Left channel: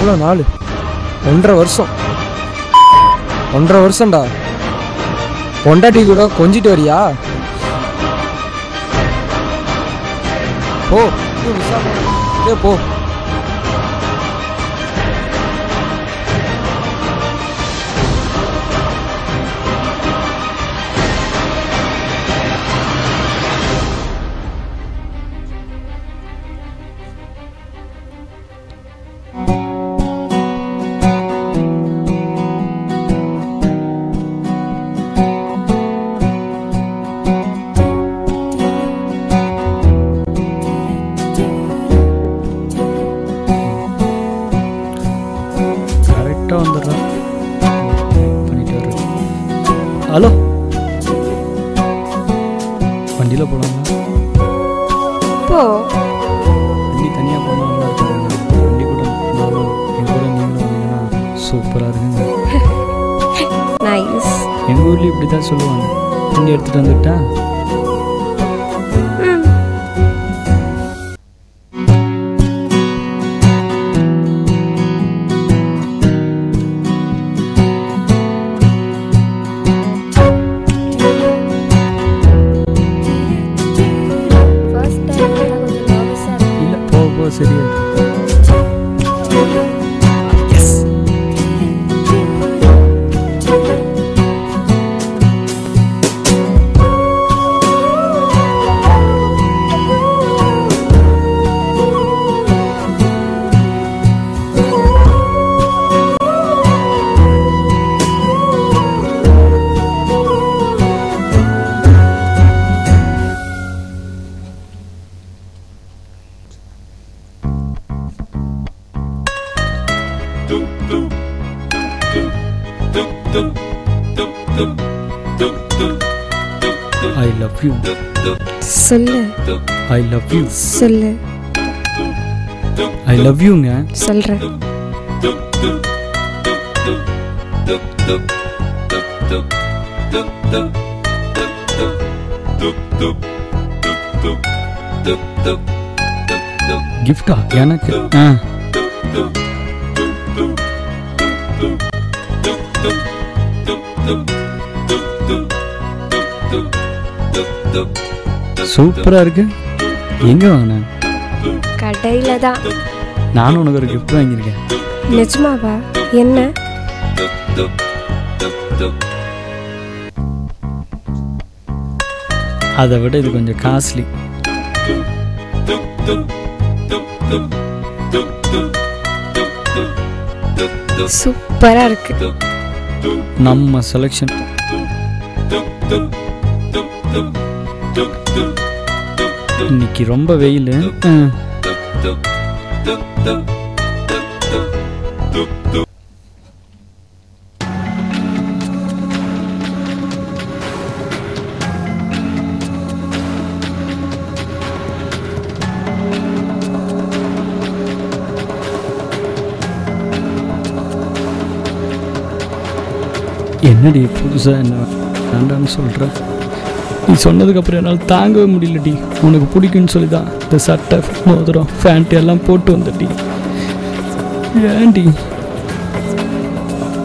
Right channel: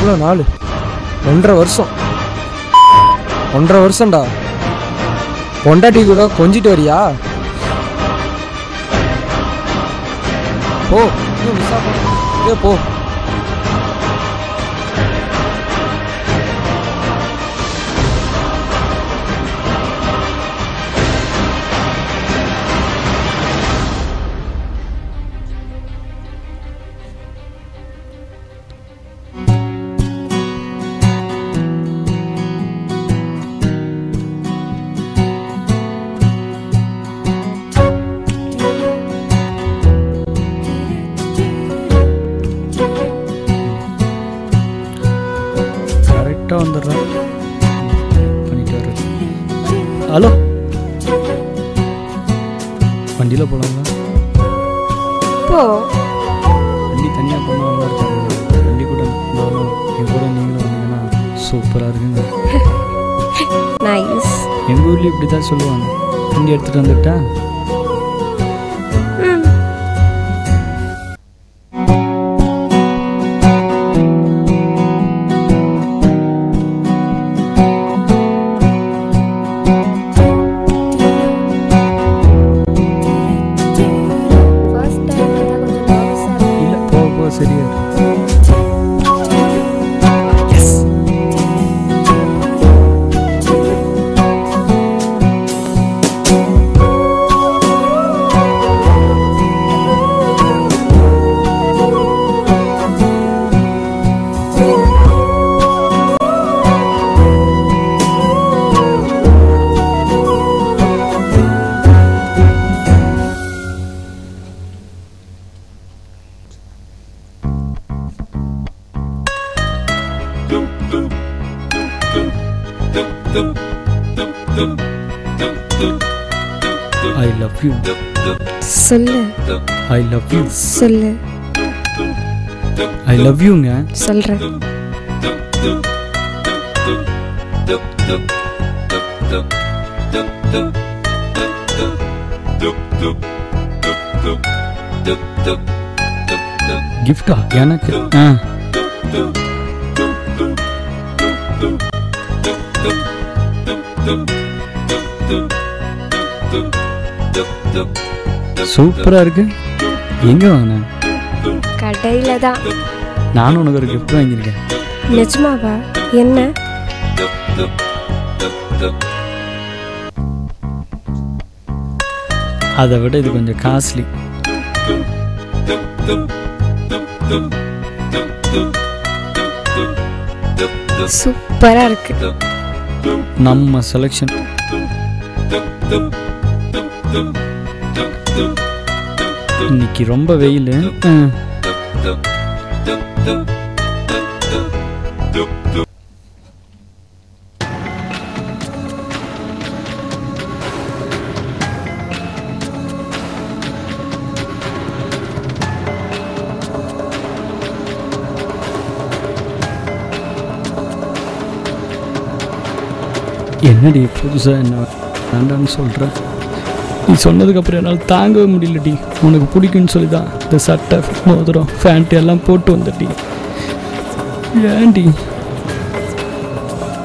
எவ்வளோ நாள்? 1.5 வருஷம். 1.5 வருஷம்டா. பொண்டாட்டி கூட கொஞ்சிட்டு வரியா? போ, இன்னும் மிஸ் ஆக போ. வந்துடுறேன் பண்ணிட்டு வர்றேன். ஹலோ, வண்டியில் போகலாங்களா? போ. வண்டி தனியாக போனால் நல்லா இருக்காங்க. வண்டி கூட நானும் என் கூட நீங்களும் வந்தீங்கன்னா சூப்பராக இருக்குங்க. நைஸ். எங்கள் ஊர்லேயும் இப்படி தான் சொல்லுவாங்க. வண்டி எடுத்துகிட்டு வந்துட்டா சரியா I love you. சொல்லு. I love you. சொல்லு. I love you ங்க. சொல்றேன். கிஃப்டா எனக்கு? சூப்பரா இருக்கு. எங்க வாங்கின? கடையில தான். நானும் உனக்கு ஒரு கிஃப்ட் வாங்கியிருக்கேன். நிஜமாவா? என்ன? அதை விட இது கொஞ்சம் காஸ்ட்லி. சூப்பரா இருக்கு. நம்ம செலக்ஷன். இன்னைக்கு ரொம்ப வெயில். என்னடி புதுசா என்ன வேண்டான்னு சொல்ற? நீ சொன்னதுக்கப்புறம் என்னால் தாங்கவே முடியலடி. உனக்கு பிடிக்குன்னு சொல்லி தான் இந்த சட்டை, மோதிரம், ஃபேண்ட் எல்லாம் போட்டு வந்துட்டி. ஏன்டி?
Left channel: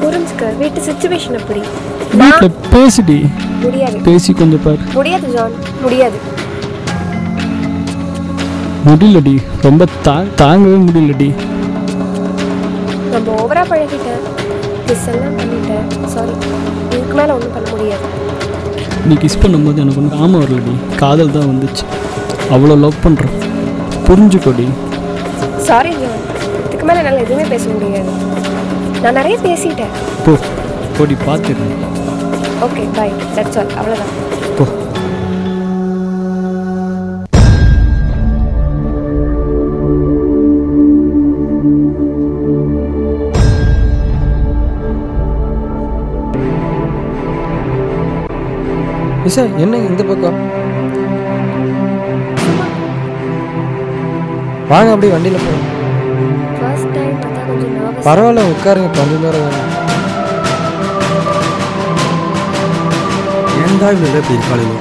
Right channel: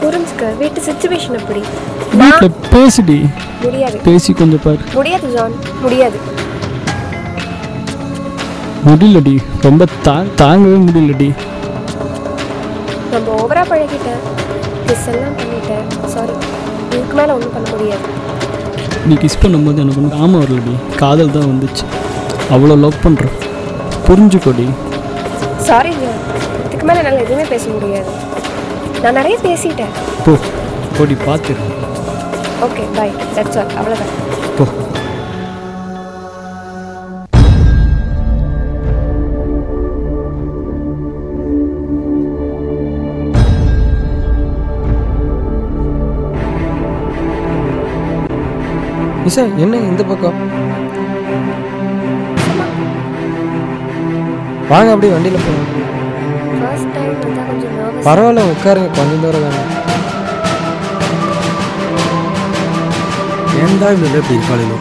புரிஞ்சுக்க. வீட்டு சிச்சுவேஷன் அப்படி. வீட்டில் பேசிடி. முடியாது. பேசி கொஞ்சம் பாரு. முடியாது ஜான், முடியாது. முடியலடி, ரொம்ப தாங்கவே முடியலடி. ரொம்ப ஓவரா பழகிட்டேன். கிஸ் எல்லாம் பண்ணிட்டேன். சாரி, இதுக்கு மேலே ஒன்றும் பண்ண முடியாது. நீ கிஸ் பண்ணும்போது எனக்கு ஒன்றும் ஆமாம் வரலடி, காதல் தான் வந்துச்சு. அவ்வளோ லவ் பண்ணுறேன், புரிஞ்சுக்கோடி. சாரி ஜான், இதுக்கு மேலே என்னால் எதுவுமே பேச முடியாது. நான் நிறைய பேசிட்டேன். போடி பார்த்துருங்க. ஓகே பை, தட்ஸ் ஆல், அவ்வளோதான். போ. நிஷா, என்ன இந்த பக்கம்? வாங்க அப்படியே வண்டியில் போகலாம். ஃபர்ஸ்ட் டைம் அதான் கொஞ்சம் நர்வஸ். பரவாயில்ல, உட்காருங்க, கொஞ்சம் தூரம் தானே. ஏன்டா இவ்வளோ இப்படி இருக்காளோ?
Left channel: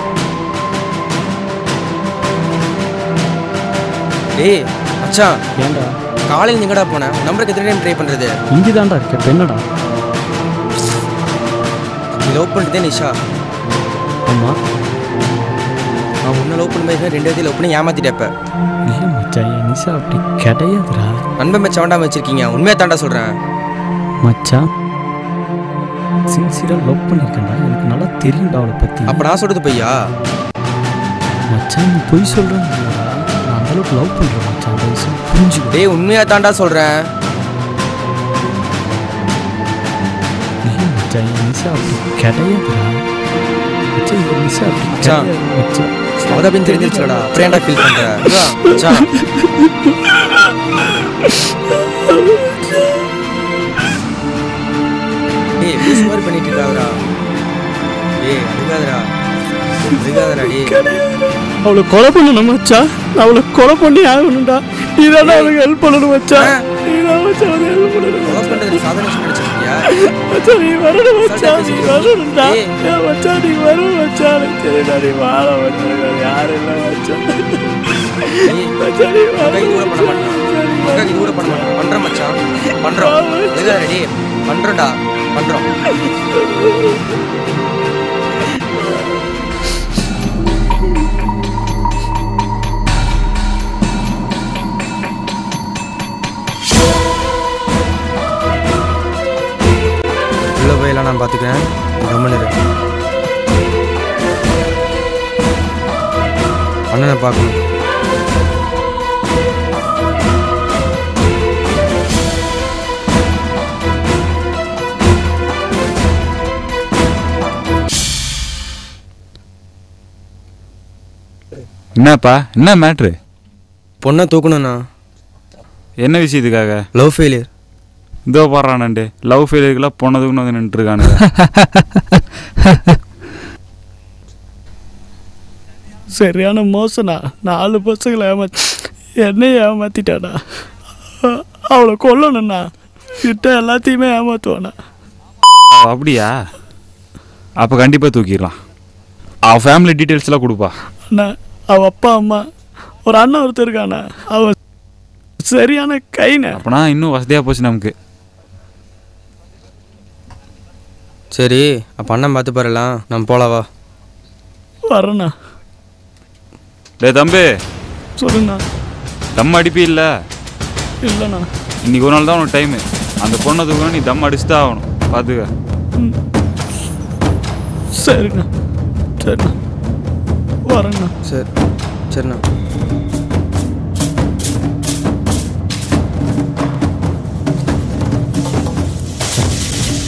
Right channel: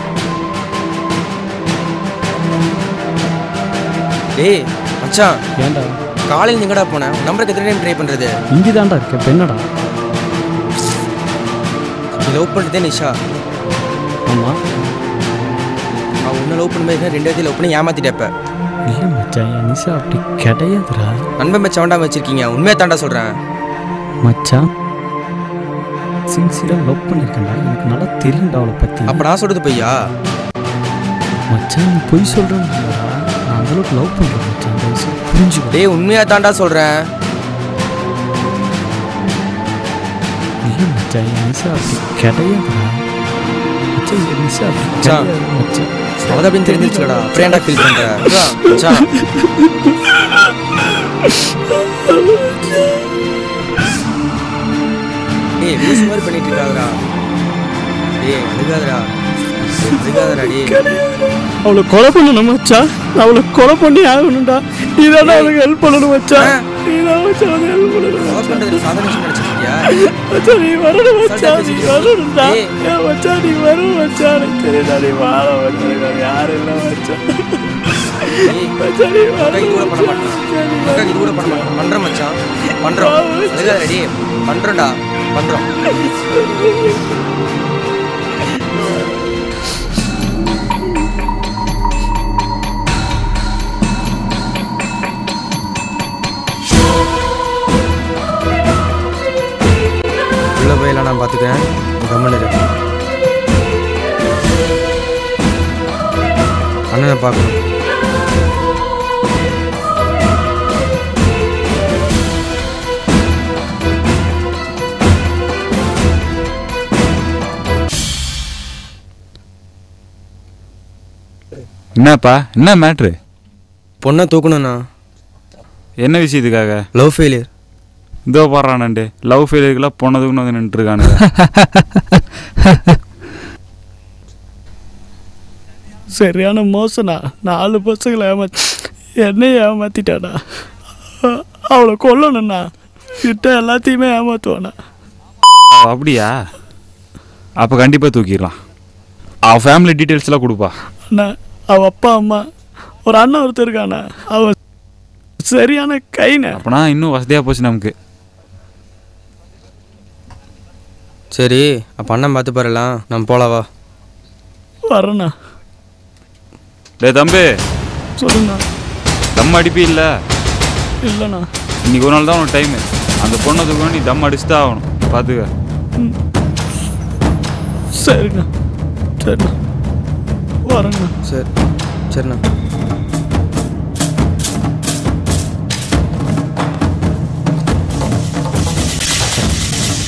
டேய் மச்சான், ஏன்டா காலையில் எங்கடா போனேன்? உன் நம்பருக்கு எத்தனை டைம் ட்ரை பண்ணுறது? இங்கே தான்டா இருக்க பெண்ணடா. நீ லவ் பண்ணுறதே நிஷா. ஆமாம். அவன் உன்னை லவ் பண்ணும்போது 2 இடத்துல லவ் பண்ணி ஏமாத்திட்டப்ப. இல்லை மச்சான், என் நிஷா அப்படி கிடையாதுடா. நண்பன் மேட்ச் வேண்டாமல் வச்சிருக்கீங்க. உண்மையாக தாண்டா சொல்கிறேன் மச்சான் சின்சியராக லவ் பண்ணியிருக்கேன்டா. எனக்கு நல்லா தெரியும்டா அவளை பற்றி. அப்போ நான் சொல்கிறது பையா? மச்சான் நீ பொய் சொல்கிறேன்னு இல்லைடா, நான் அந்தளவுக்கு லவ் பண்ணுறேன் மச்சான். தயவுசெய்து புரிஞ்சுக்கோ. டேய் உண்மையாக தாண்டா சொல்கிறேன். இல்லை மச்சான், என் நிஷா அப்படி கிடையாதுடா. மச்சான் என் நிஷா அப்படி மச்சான். கிடையாது மச்சான். அவதான் அப்படின்னு தெரிஞ்சிருச்சுடா. அப்புறம் ஏன்டா ஃபீல் பண்ணுற? மச்சான் டேய் லூஸ் மாதிரி பண்ணிட்டு இருக்காதடா. டேய் அழுகாதடா டேய். அவளை கொலை பண்ணணும் மச்சான். நான் அவளை கொலை பண்ணி ஆகணும்டா. நீ தானே அவளுக்கு ஹெல்ப் பண்ணணும் மச்சான். நீ தான் மச்சான் அவளுக்கு ஹெல்ப் பண்ணணும். கொலை பண்ணுறதுல சாதனை நினச்சிருக்கியா? மச்சான் நீ வரணும் மச்சான். நீ வரணும்டா. மச்சான் நீ வரும் மச்சான். எனக்கு தெரியுடா நீ வாழ மச்சான். யாரும் இல்லை மச்சான். மச்சான் நீ இது கூட பண்ண மாட்டான். வரணும். இது கூட பண்ண மாட்டான். பண்ணுறோம் மச்சான் பண்ணுறோம். அழுகாதடா டேய். பண்ணுறோம்டா பண்ணுறோம். உள்ள போயெல்லாம் நான் பார்த்துக்கிறேன். கம்மன் இரு. அண்ணனை பார்க்கணும். என்னப்பா என்ன மேட்ரு? பொண்ணை தூக்கணுண்ணா. என்ன விஷயத்துக்காக? Love failure. இதோ பாடுறானண்டு லவ் ஃபெயிலியருக்குலாம் பொண்ணதுக்குன்னு வந்து நின்றுருக்கானுங்க. சரியான மோசனா. 4 பசங்களை என்னையும் ஏமாத்திட்டானா. அவளை கொல்லணும்ண்ணா. கிட்ட எல்லாத்தையுமே ஏமாத்துவானா. அப்படியா? அப்போ கண்டிப்பாக தூக்கிடலாம். அவள் ஃபேமிலி டீட்டெயில்ஸ்லாம் கொடுப்பா. அண்ணா அவள் அப்பா அம்மா ஒரு அண்ணன் ஒருத்தர் இருக்காண்ணா. அவன் சரியான கைண்ணா. அப்போனா இன்னும் வசதியாக போச்சு நமக்கு. சரி அப்போ அண்ணன் பார்த்து பாருலாம். நம்ம போகலாவா? வரேண்ணா. டே தம்பி சொல்லுண்ணா. தம் அடிப்பி இல்லை? இல்லைண்ணா. இன்னைக்கு ஒரு நாள் தான் உனக்கு டைமு. அந்த பொண்ணை தூக்கணும். நீ தம் அடிச்சு தான் ஆகணும். பார்த்துக்க. சரிண்ணா சரிண்ணா வரேண்ணா. சரி சரிண்ணா.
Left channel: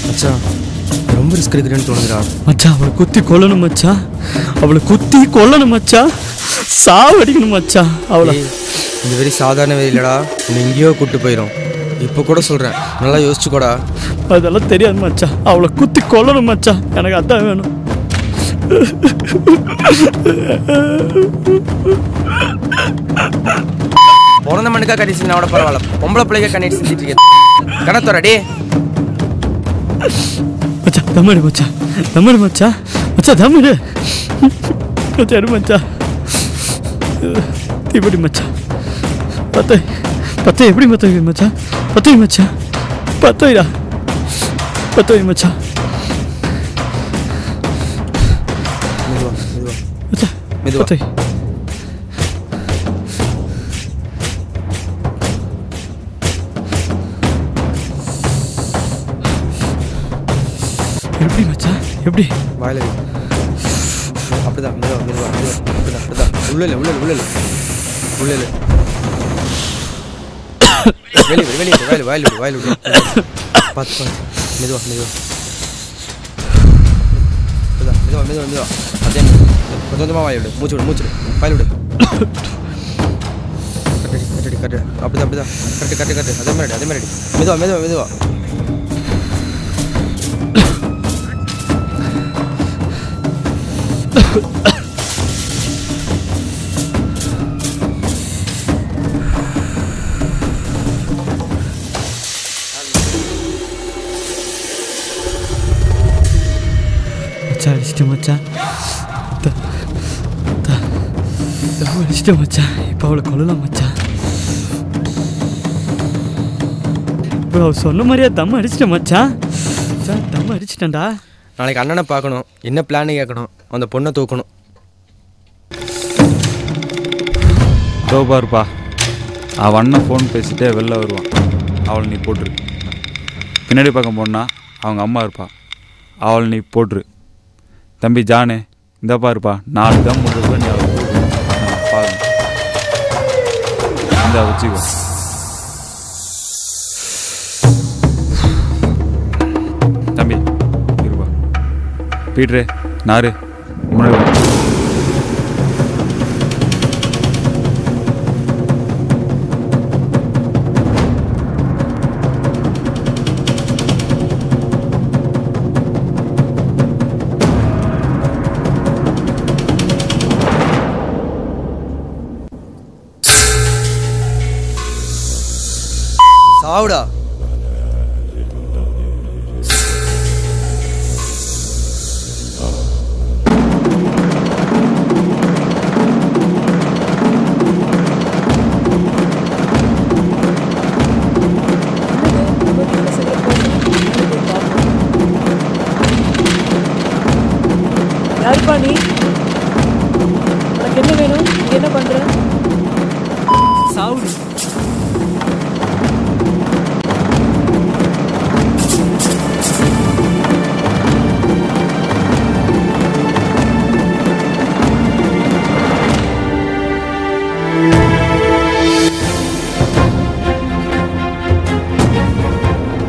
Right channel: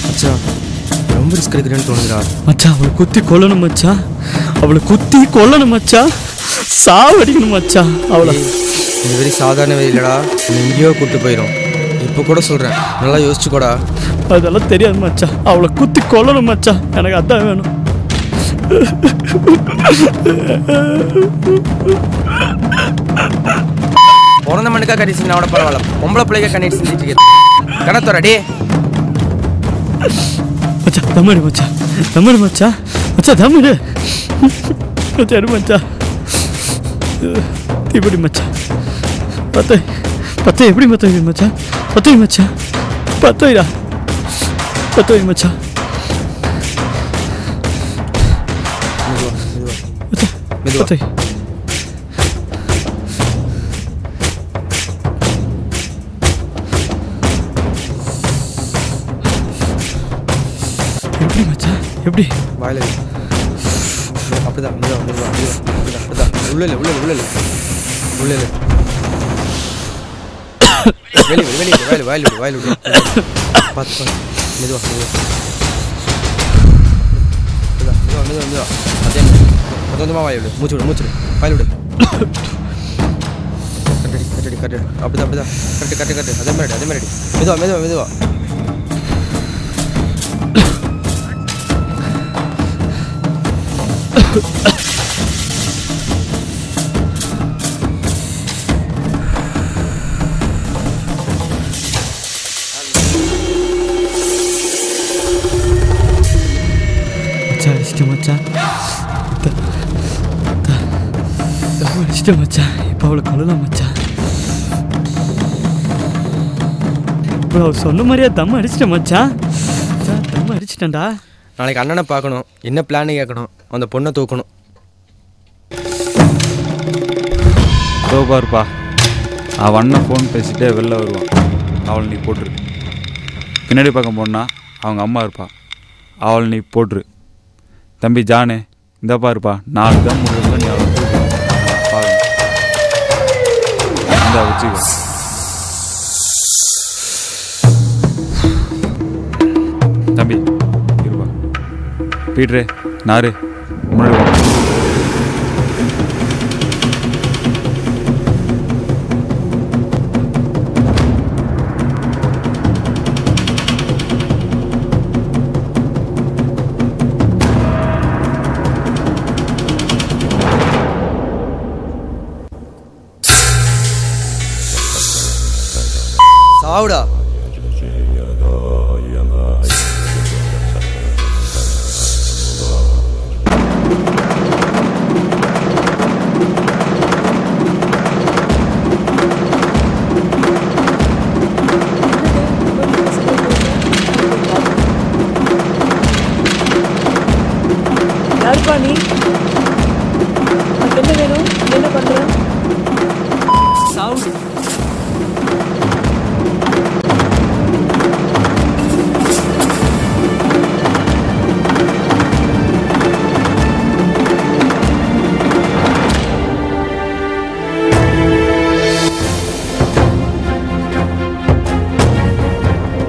மச்சான் ரொம்ப ரிஸ்க் எடுக்கிறேன்னு தோணுதுடா. மச்சான் அவளை குத்தி கொல்லணும் மச்சான். அவளை குத்தி கொல்லணும் மச்சான். சாவடிக்கணும் மச்சான் அவளை. இந்த வெறி சாதாரண வெறி இல்லடா. உன்னை எங்கேயோ கூப்பிட்டு போயிடும். இப்போ கூட சொல்கிறேன், நல்லா யோசிச்சுக்கோடா. அதெல்லாம் தெரியாது மச்சான். அவளை குத்தி கொல்லணும் மச்சான். எனக்கு அதான் வேணும். பிறந்த மண்ணுக்கா கட்டி செஞ்சு கூட பரவாயில்ல. பொம்பளை பிள்ளைக்கா கண்ணீர் செஞ்சுட்டு இருக்கேன். கணத்தோட டே மச்சான் தமிழ் மச்சான். தமிழ் மச்சான். மச்சான் தமிழ். சரி மச்சான். எப்படி மச்சான்? 10 எப்படி மச்சான்? 10 மச்சான். 10 மச்சான். மெதுவா மெதுவா மச்சான் மெதுவா. 10 எப்படி மச்சான்? எப்படி? வாயில அப்படிதான். மெதுவா மெதுவா மெதுவா. அப்படிதான் அப்படிதான். உள்ள வெளியே வாயில் விடு. பார்த்து மெதுவா அதே கொஞ்சம் கொஞ்சமாக வாயில் விடு. மூச்சு விடு. வாயில் விடு. கட்டு. அப்படிதான். கட்டு. அதே மாதிரி மெதுவா. அடிச்சிட்டேன் மச்சான். அடிச்சிட்டேன் மச்சான். இப்போ அவளை கொல்லலாம் மச்சான். இப்போ சொன்ன மாதிரியா தம் அடிச்சிட்டேன் மச்சான். தம் அடிச்சிட்டேன்டா. நாளைக்கு அண்ணனை பார்க்கணும், என்ன பிளான் கேட்கணும், அந்த பொண்ணை தூக்கணும். இதோ பாருப்பா, அவன் அண்ணன் ஃபோன் பேசிட்டே வெளில வருவான். அவளை நீ போட்டுரு. பின்னாடி பக்கம் போனா அவங்க அம்மா இருப்பா, அவளை நீ போட்டுரு. தம்பி ஜானு, இந்த பாருப்பா, 4 தம் முடிவுக்குள்ள நீ அவளை தூக்கணும். அதை நான் பார்க்கணும். இந்த வச்சுக்கோ. தம்பி இருப்பா. பீட்ரு நாரு முன்னாடி வா. சாவுடா. யாருப்பா நீ? உனக்கு என்ன வேணும்? நீ என்ன பண்ற? சாவுடி.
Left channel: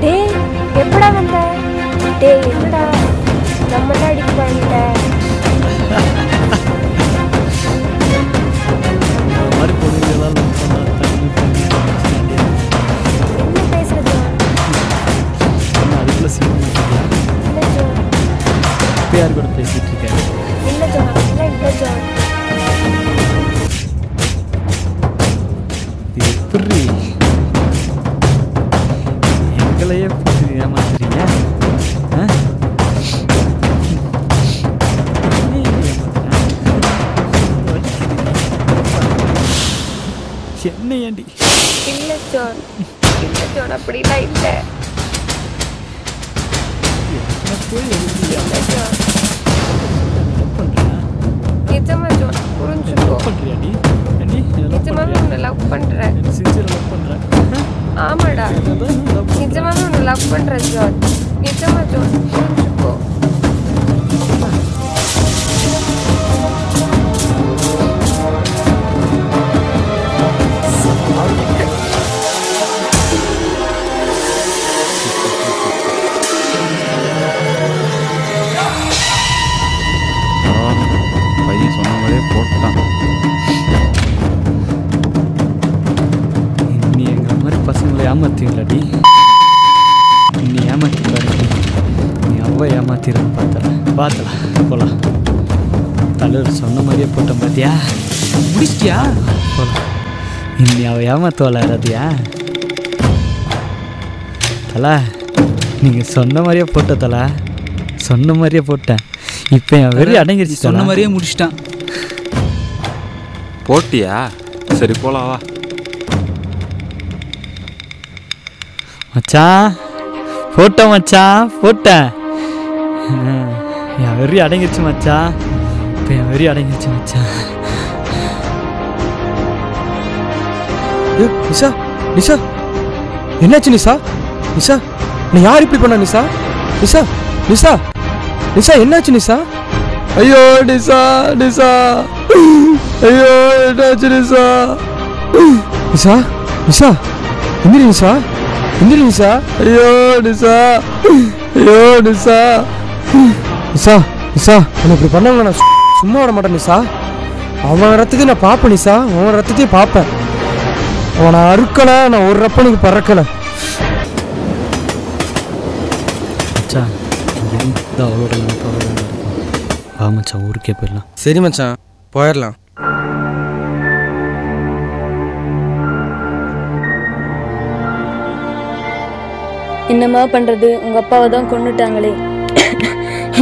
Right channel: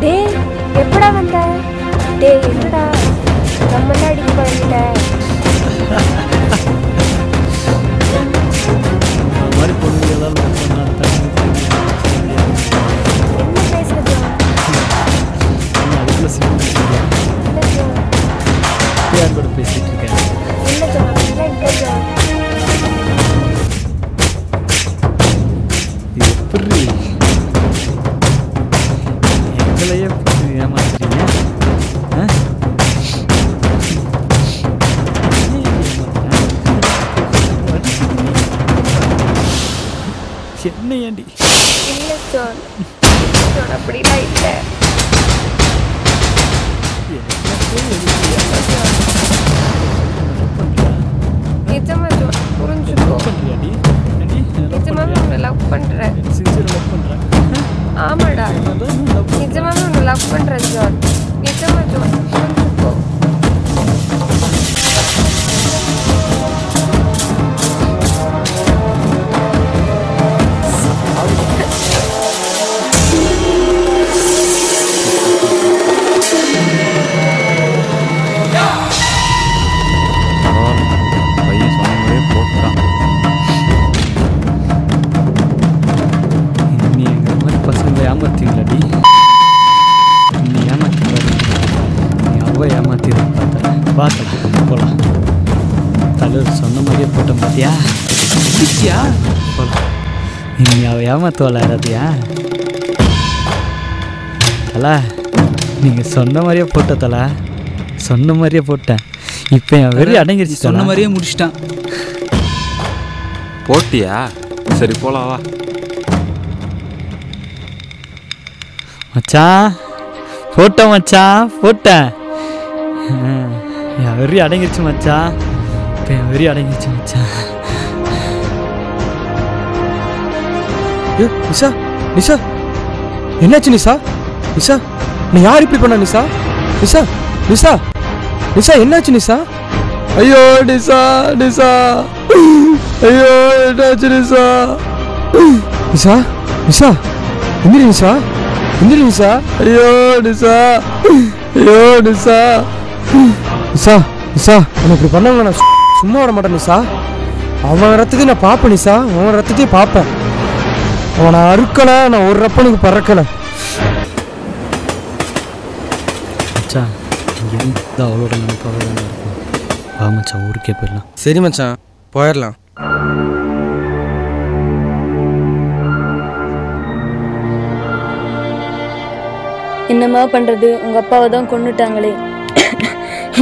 டேய் எப்படா வந்த? டேய் என்னடா நம்மளாம் அடிக்க பழகிட்ட. இந்த மாதிரி பொண்ணுங்களெல்லாம் லவ் பண்ணா தண்ணி என்ன பேசுற ஜான்? என்ன அதுக்குள்ள சினிமா வச்சுக்கியா? இல்ல ஜான். யார் கூட பேசிட்டு இருக்கேன்? இல்ல ஜான், இல்ல ஜான். இது எப்படி எங்களையே போட்டு ஏமாத்துறீங்க? என்ன ஏண்டி? இல்ல ஜான், இல்ல ஜான், அப்படிலாம் இல்ல. என்ன போய் எழுதியா? இல்ல ஜான். சொல்லு, என்ன லவ் பண்றியா? நிஜமா ஜான், புரிஞ்சுக்கோ. லவ் பண்றியாடி? ஏண்டி என்ன லவ் நிஜமாவே பண்றியா? உன்னை லவ் பண்றேன். என்ன சின்சியரா லவ் பண்ற? ஆமாடா, என்னதான் லவ் பண்ற? நிஜமாவே உன்னை லவ் பண்றேன் ஜான். நிஜமா ஜான், புரிஞ்சுக்கோ. பரவாயில்ல, பையன் சொன்ன மாதிரியே போட்டான். நீ எங்களை மாதிரி பசங்களை ஏமாத்தீங்களாடி? நீ ஏமாத்தி பாருடி. நீ அவ்வளோ ஏமாத்திடுன்னு பார்த்தலாம் போகலாம். தலைவர் சொன்ன மாதிரியே போட்டோம் பார்த்தியா? முடிச்சியா? போகலாம். நீ அவள் ஏமாத்துவாள யாராத்தியா? தலை, நீங்கள் சொன்ன மாதிரியே போட்ட தலை, சொன்ன மாதிரியே போட்டேன். இப்போ என் வெறி அடங்கிருச்சு. சொன்ன மாதிரியே முடிச்சிட்டான். போட்டியா? சரி போலாம் வா. மச்சான் போட்டேன், மச்சான் போட்டேன். என் வெறி அடங்கிருச்சு மச்சான். இப்போ என் வெறி அடங்கிருச்சு மச்சான். நிஷா, நிஷா என்னாச்சு நிஷா? நிஷா நீ யார் இப்படி பண்ண நிஷா? நிஷா நிஷா நிஷா என்னாச்சு நிஷா? ஐயோ நிஷா, நிஷா ஐயோ என்னாச்சு நிஷா? நிஷா, நிஷா எந்திரி நிஷா, எந்திரி நிஷா. ஐயோ நிஷா, ஐயோ நிஷா, நிஷா நிஷா உன்னை இப்படி பண்ணவங்க நான் சும்மா விட மாட்டேன் நிஷா. அவன் ரத்தத்தையும் நான் பார்ப்பேன் நிஷா, அவன் ரத்தத்தையும் பார்ப்பேன். அவனை அறுக்கலை, நான் ஒரு ரப்பனுக்கு பறக்கலை. மச்சான் இங்கேருந்து அவளோட நினைப்பாக தான் இருக்கும். வா மச்சான், ஊருக்கே போயிடலாம். சரி மச்சான், போயிடலாம். என்னம்மா பண்ணுறது, உங்கள் அப்பாவை தான் கொன்னுட்டாங்களே.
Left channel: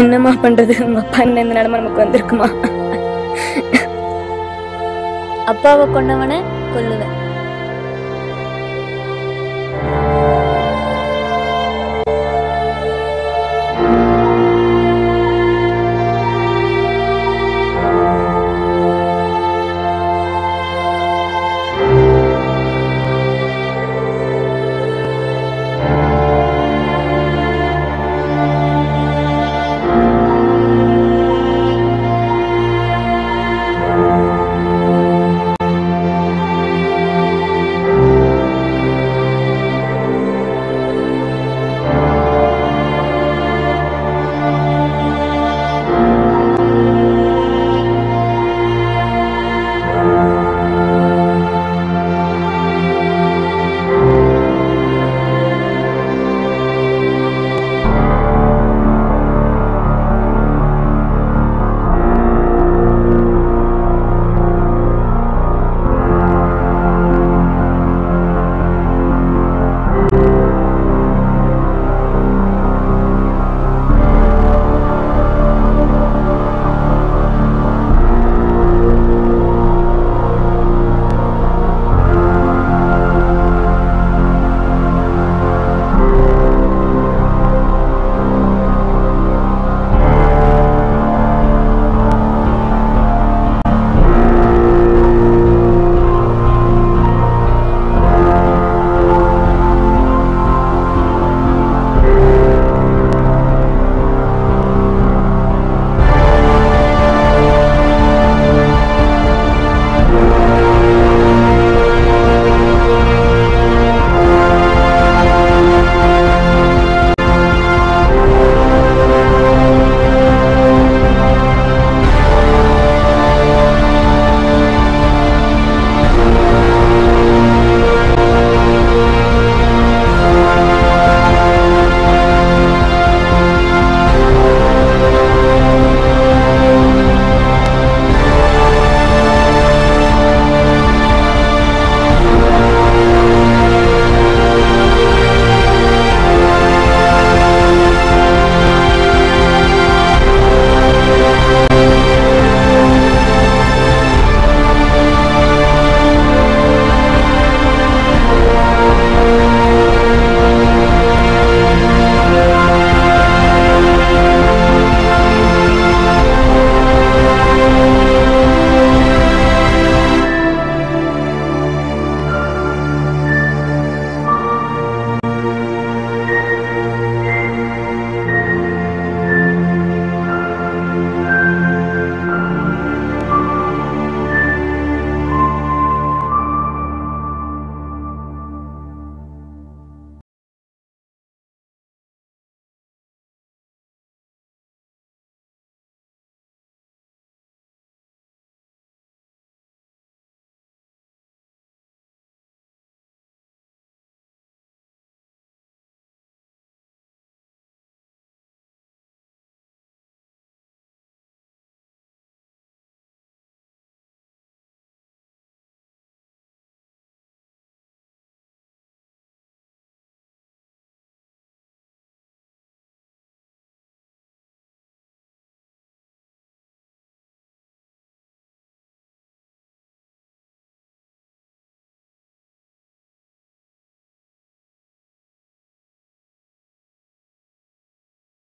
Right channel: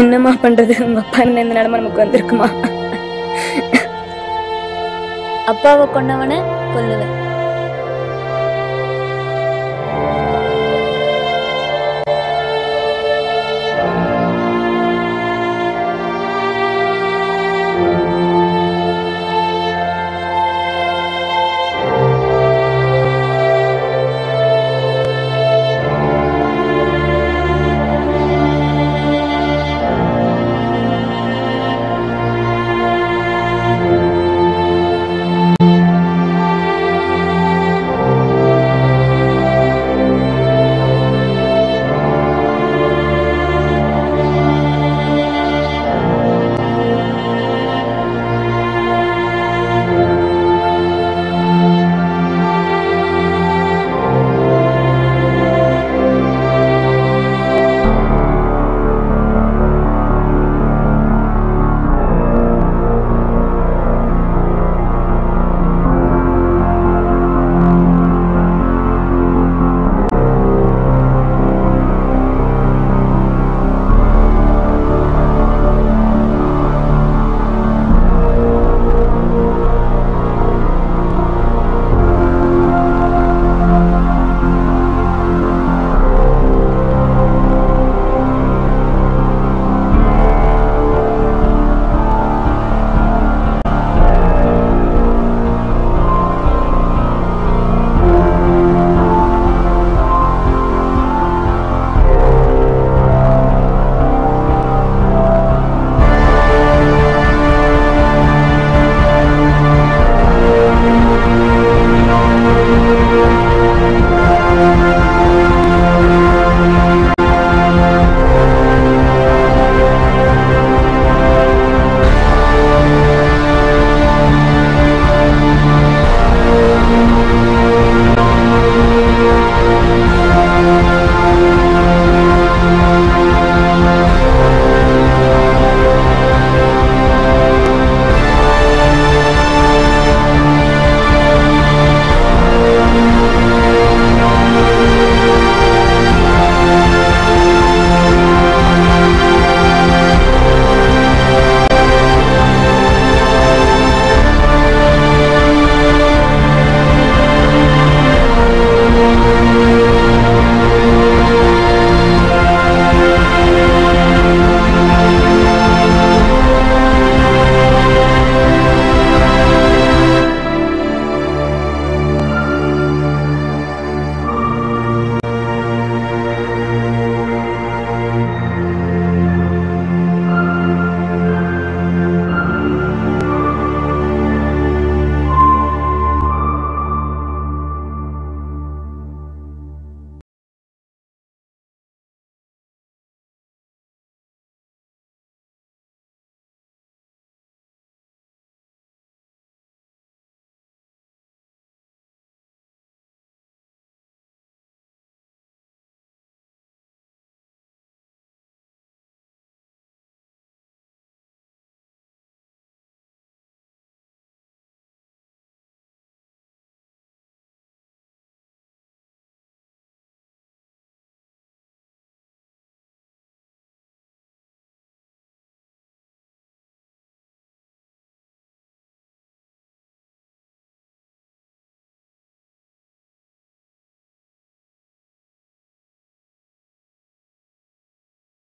என்னம்மா பண்ணுறது, உங்கள் அப்பா என்ன இந்த நிலமை நமக்கு வந்திருக்குமா? அப்பாவை கொன்னவனை கொல்லுவேன்,